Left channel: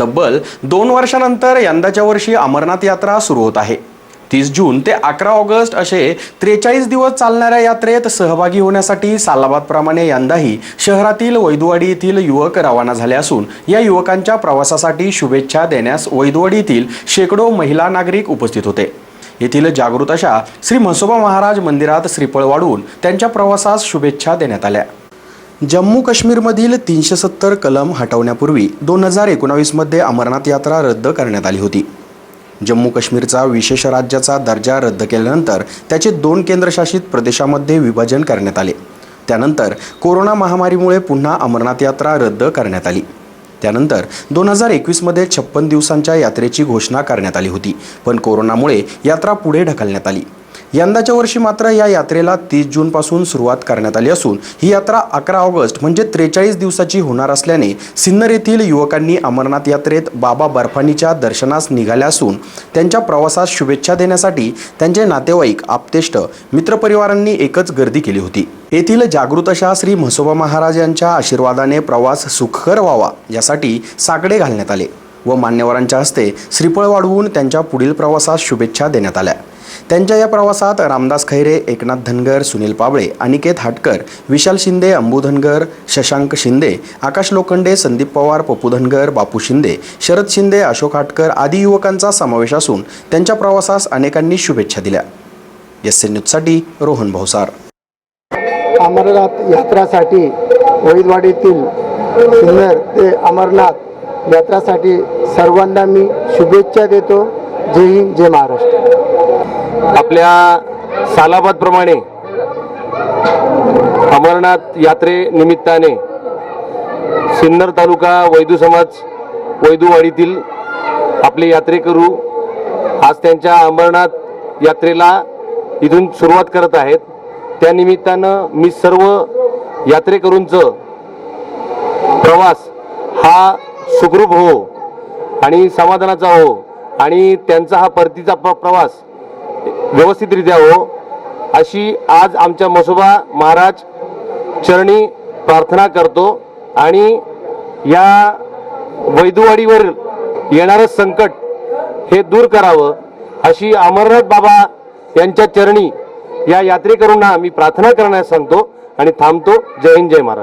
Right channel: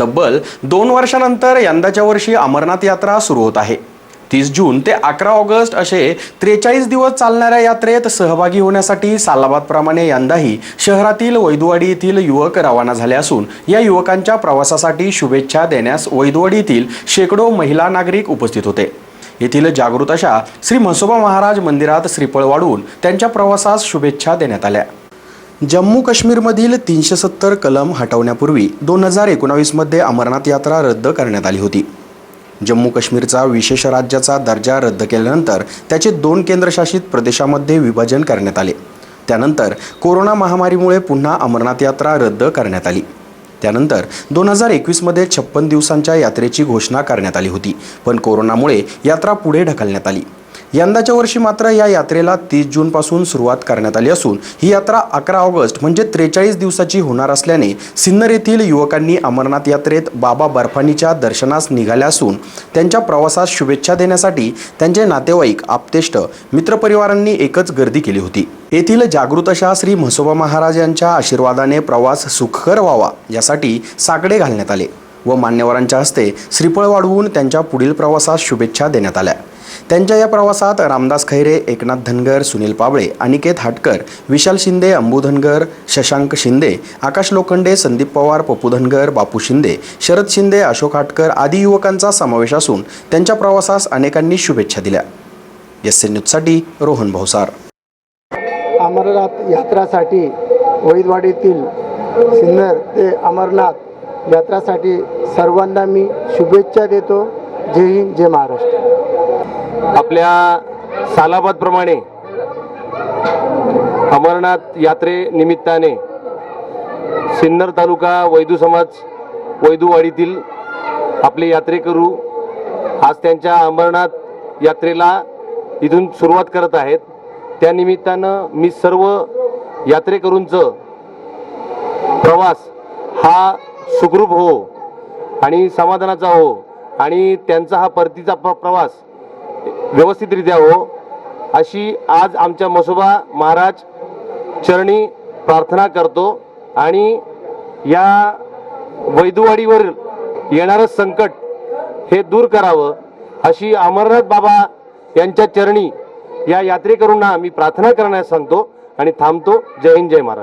तब्बल दोन वर्षानंतर यंदाच्या वर्षी अमरनाथ यात्रा सुरू होत आहे. तीस जून ते अकरा ऑगस्ट असे त्रेचाळीस दिवस चालणाऱ्या यात्रेत सहभागी होण्यासाठी सालाबादप्रमाणे यंदाही शहरातील वैदुवाडी येथील युवक रवाना झाले असून या युवकांच्या प्रवासासाठी शुभेच्छा देण्यास वैदुवाडी येथील शेकडो महिला नागरिक उपस्थित होते. येथील जागृत अशा श्री म्हसोबा महाराज मंदिरात श्रीफळ वाढवून त्यांच्या प्रवासास शुभेच्छा देण्यात आल्या. जम्मू काश्मीरमधील तीनशे सत्तर कलम हटवण्यापूर्वी दोन हजार एकोणावीसमध्ये अमरनाथ यात्रा रद्द करण्यात आली होती. जम्मू काश्मीरचा विशेष राज्याचा दर्जा रद्द केल्यानंतर त्याचे दोन केंद्रशासित प्रदेशामध्ये विभाजन करण्यात आले. त्यानंतर कोरोना महामारीमुळे पुन्हा अमरनाथ यात्रा रद्द करण्यात आली. त्यानंतर दोन हजार एकवीसमध्ये छप्पन दिवसांच्या यात्रेची घोषणा करण्यात आली होती पण कोरोनामुळे यात्रा पुढे ढकलण्यात आली. यंदाच्या वर्षी मात्र या यात्रेला तीस जूनपासून सुरुवात करण्यात आली असून ही यात्रा अकरा ऑगस्ट म्हणजे त्रेचाळीस दिवसाची होणार असल्याने सिन्नर येथील युवकांनी अमरनाथ यात्रेत बाबा बर्फानीच्या दर्शनास निघाल्या असून त्यांच्या प्रवासास शुभेच्छा देण्यासाठी त्यांचे नातेवाईक आप्तेष्ट मित्रपरिवारांनी एकच गर्दी केली होती. येथील जागृत अशा श्री म्हसोबा महाराज यांच्या आशीर्वादाने प्रवास सुखकर व्हावा यासाठी साकडे घालण्यात आले व मान्यवरांच्या हस्ते श्रीफळ वाढवून त्यांच्या पुढील प्रवासास शुभेच्छा देण्यात आल्या. त्यांच्या या प्रवासात रामदास खैरे एकनाथ धनगर सुनील पाबळे अनिकेत हाटकर विशाल शिंदे अंबू धनगर शशांक शिंदे आकाश लोखंडे संदीप पवार पप्पू धनगर बापू शिंदे शरद शिंदे अशोक हाटकर आदी युवकांचा समावेश असून त्यांच्या प्रवासास अनेकांनी शुभेच्छा दिल्या. एस एन न्यूजसाठी रोहन भावसार अमरनाथ यात्रासाठी वैदवाडीतील सिन्नर ते अमरनाथ यात्रासाठी सर्वांना मी शुभेच्छा देतो. जय हिंद जय महाराष्ट्र. आपल्या सालाबाद प्रमाणे अमरनाथ यात्रे निमित्ताने सिन्नर तालुका वैदू समाज वैदूवाडीतील आपले यात्रेकरू आज त्यांच्या अमरनाथ यात्रेला इथून सुरुवात करत आहेत. त्यानिमित्तानं मी सर्व यात्रेकरूंचं प्रवास हा सुखरूप हो आणि समाधानाचा हो आणि त्यांचा हा परतीचा प्रवास व्यवस्थितरित्या हो. अशी आज आमच्या मसोबा महाराज चरणी प्रार्थना करतो आणि या वैदुवाडीवर येणारं संकट हे दूर करावं अशी अमरनाथ बाबा यांच्या चरणी या यात्रेकरूंना मी प्रार्थना करण्यास सांगतो आणि थांबतो. जय हिंद जय महाराज.